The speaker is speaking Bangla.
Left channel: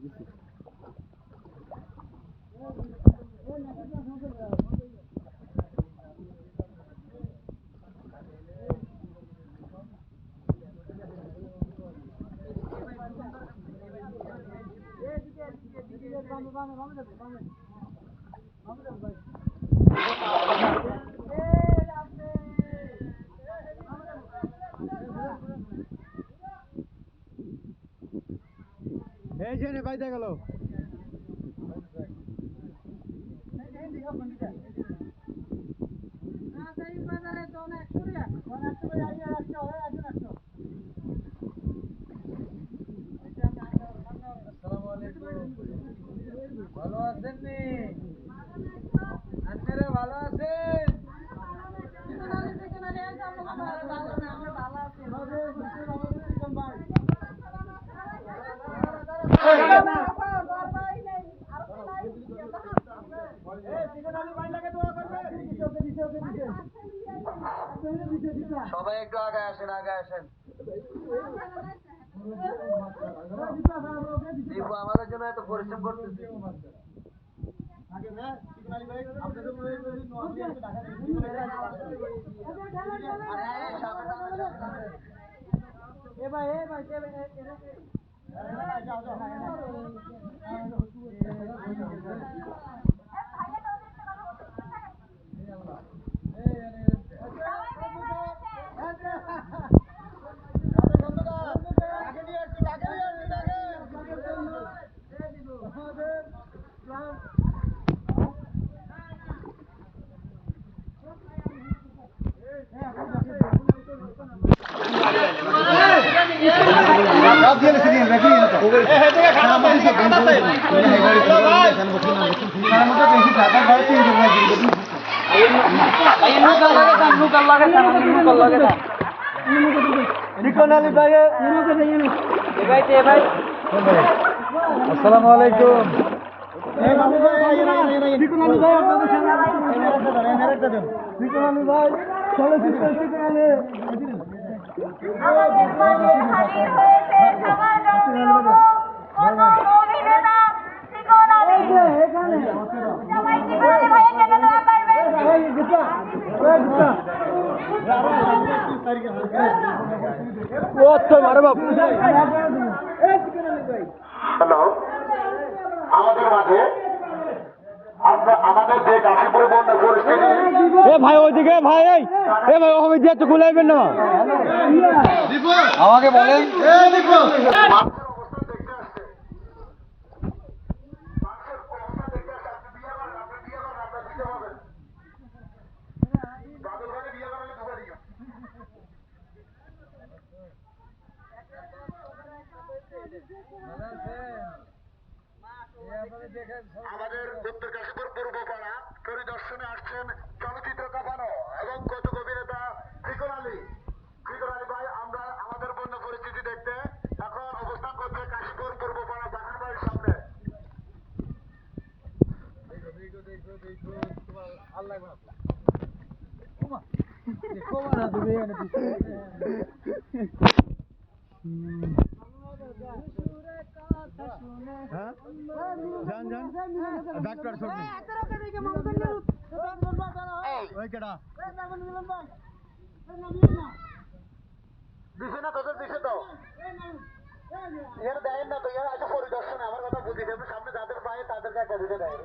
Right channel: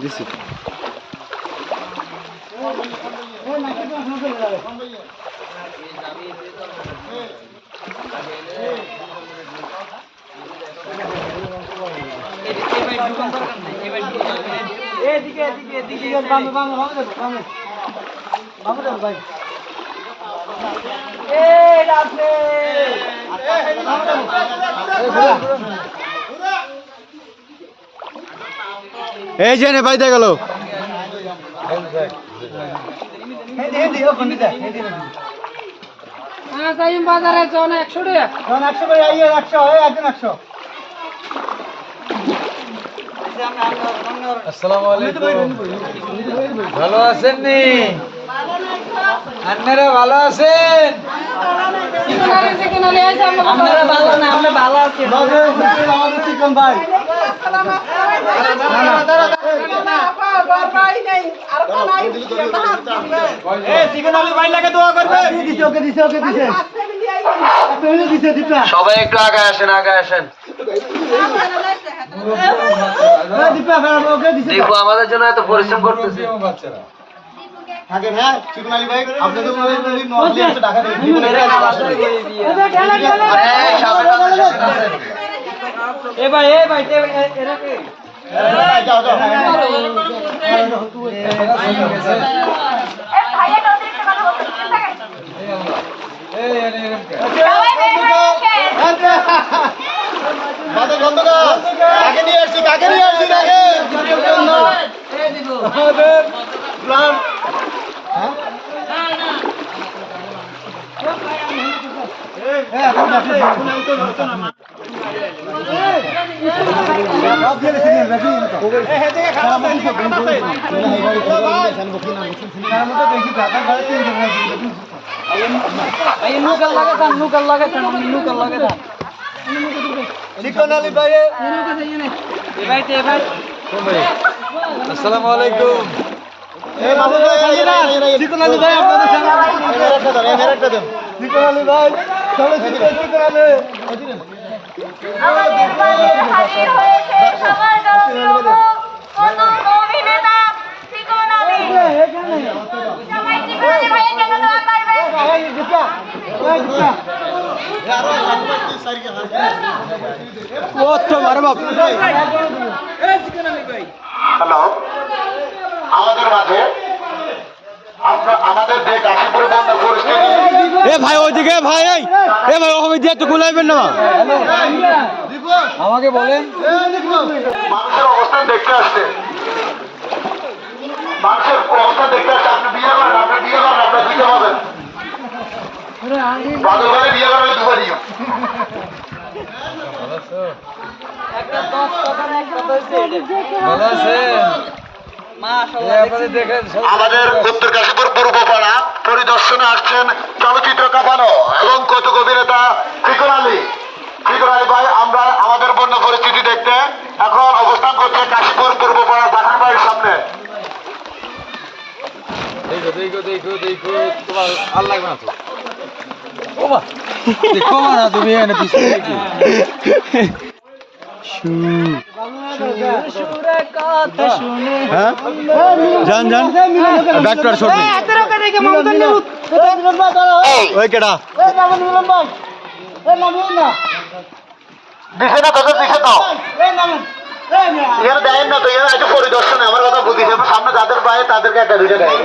দিছি এদিকে এদিকে এদিকে বামে বামে বামে দেবো বামে বামে দেবো ভাই এই আছে এই যে নে বাইতে গেল। হ্যাঁ বাজারে জন একশো টাকা তখন একশো করে একশো একজন একশো। আসসালামু আলাইকুম। ভালো আছেন নি? আপনারা ভালো আছেন? আমরা ভালো না আমরা ভালো আছি আমাদের চিকন ভাই চিকন আলু ভাই লাগে দোয়া করবে দিছে ওকে দিছে ওকে দিছে একটা হইলে দিছে দীপা সবাই একটু আগে আসেন আগে আসেন হ্যাঁ দীপা ওকে দিছে দীপু আমাদের জন্য এত পরিশ্রম করতেছে থাকেন হ্যাঁ চিকন আলী ভাই আপনাদের মনে হয় নর্মালি একশো টাকা দেবেন। এ ভাই এ ভাই এরা কে যাও যাও কাকে নিয়ে আসছি কাকে নিয়ে আসছি কাকে আমাদের প্ল্যান চিকন আলী ভাই আসসালামু আলাইকুম চিকন আলী ভাই সবাই গুপ্তা কত মারো হ্যালো। আমাদের মাঝে আমরা আমাদের যে কাশীপুর বন্ধ পরিস্থিতি এ ভাই ওইদিকে ভাই এই এ ভাই ওভাবে দিয়ে একটু গুলাইবেন না। আমাকে বলেন। দেখতে আসছে। মানুষের অবস্থা দেখতে আসছে আপনি বিয়ে করেন আপনি বিয়ে করেন আপনি দিতে পাবেন বাদল বিয়ে করেন দুবার দিও ভালো আছেন? এই আপনাদের দেখেন সব- আমাদের উত্তর কাশীপুর পূর্বপাড়া পরিদর্শনে আসছেন চলচ্চিত্র কাঁপানো এবং কৌতুক অভিনেতা ফিকর আলী। ফিকর আলী ভাই আমরা আমাদের বন্য পরিস্থিতি দেখতে এখন অবস্থান করছে কাশীপুর পূর্বপাড়া বাগান বাড়ির সামনে। দেখো দেখো দেখো দেখো তোমার আর লাগবে না তো? ওমা দেখো না তুমি এনে পিছনে যান যান ডাক্তার শট নেই ওই কেডা দিছে না তাদের দিছে তো এখানে দেয় না তো এখানে আছে পরিদর্শনে আমার কথা বুঝিস সামনে যাদের পায় তাদেরকে একটা দুইটা দেয়